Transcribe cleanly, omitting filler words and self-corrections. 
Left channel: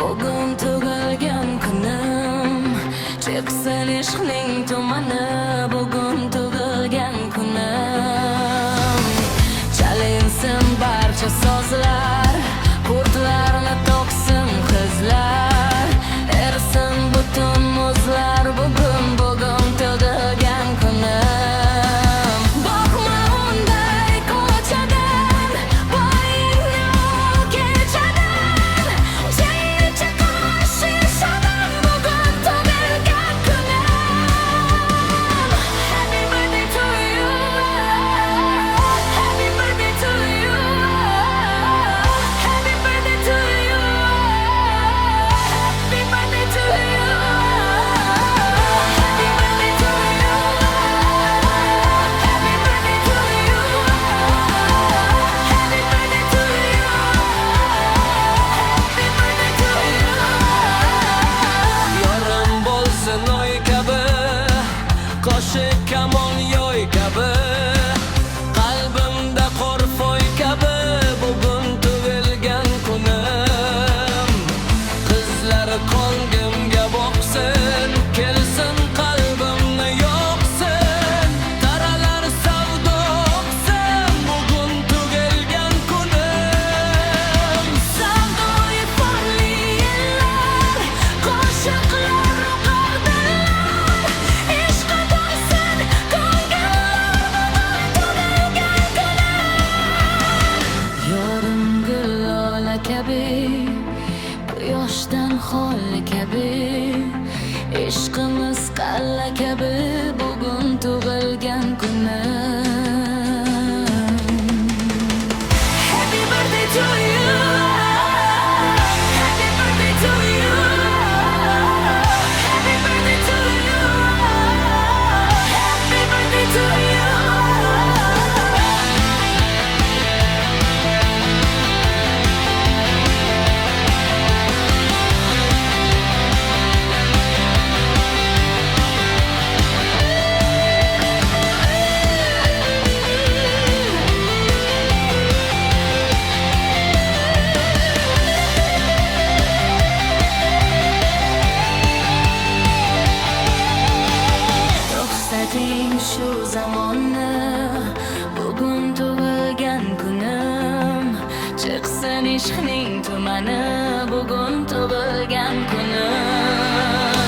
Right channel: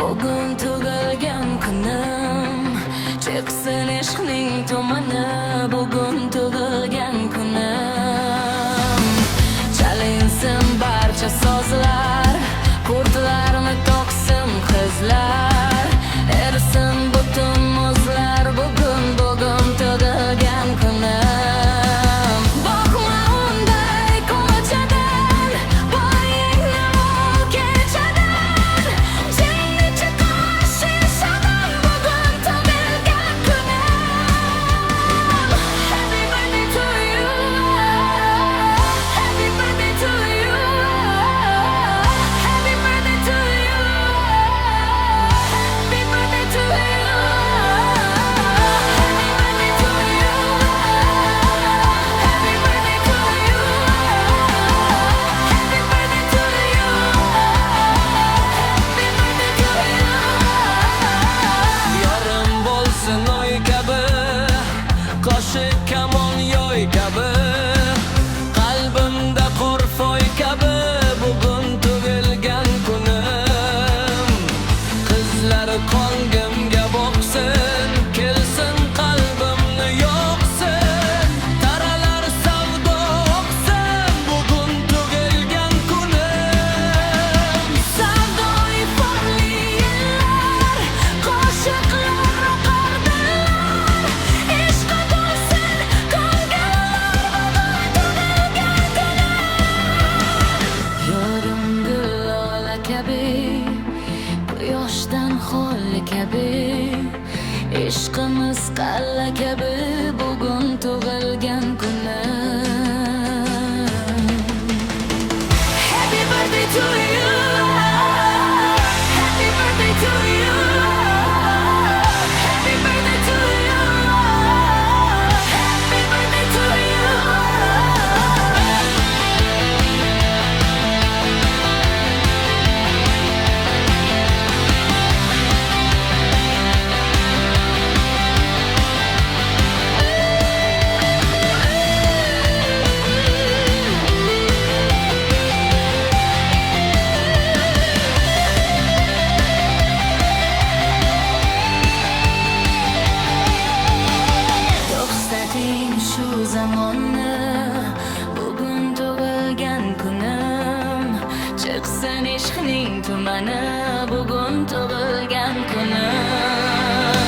Bugun tug'ilgan kunim, chiqsin ishqning tumani. Bugun tug'ilgan kunim, chalinsin barcha sozlar, kurtlarni to'ksin qizlar, ersin butun muzlar. Bugun tug'ilgan kunim. Boqma unday ko'chadan, bo'yingni ol kechadan, jingni chiqar shishadan. Bugun tug'ilgan kunim. Happy birthday to you, happy birthday to you, happy birthday to you, happy birthday to you, happy birthday to you, happy birthday to you, happy birthday to you, happy birthday to you. Yorim bo'lsin oy kabi, qoshi kamon yoy kabi, qalbimda qorfoy kabi. Bugun tug'ilgan kunim, qizlar qongimga boqsin, kelsin qalbimni yoqsin, taralar savdo oqsin. Bugun tug'ilgan kunim. Savdoyi forli yillar, qo'shiqlar o'qar dillar, ishqqa to'lsin ko'ngillar. Bugun tug'ilgan kunim. Yorim gul lola kabi, quyoshdan xoli kabi, ishqimiz qalla kabi. Bugun tug'ilgan kunim. Happy birthday to you, happy birthday to you, happy birthday to you, happy birthday to you. To'xtating shu zamonni, bugun tug'ilgan kunim, chiqsin ishqning tumani. Bugun tug'ilgan kunim.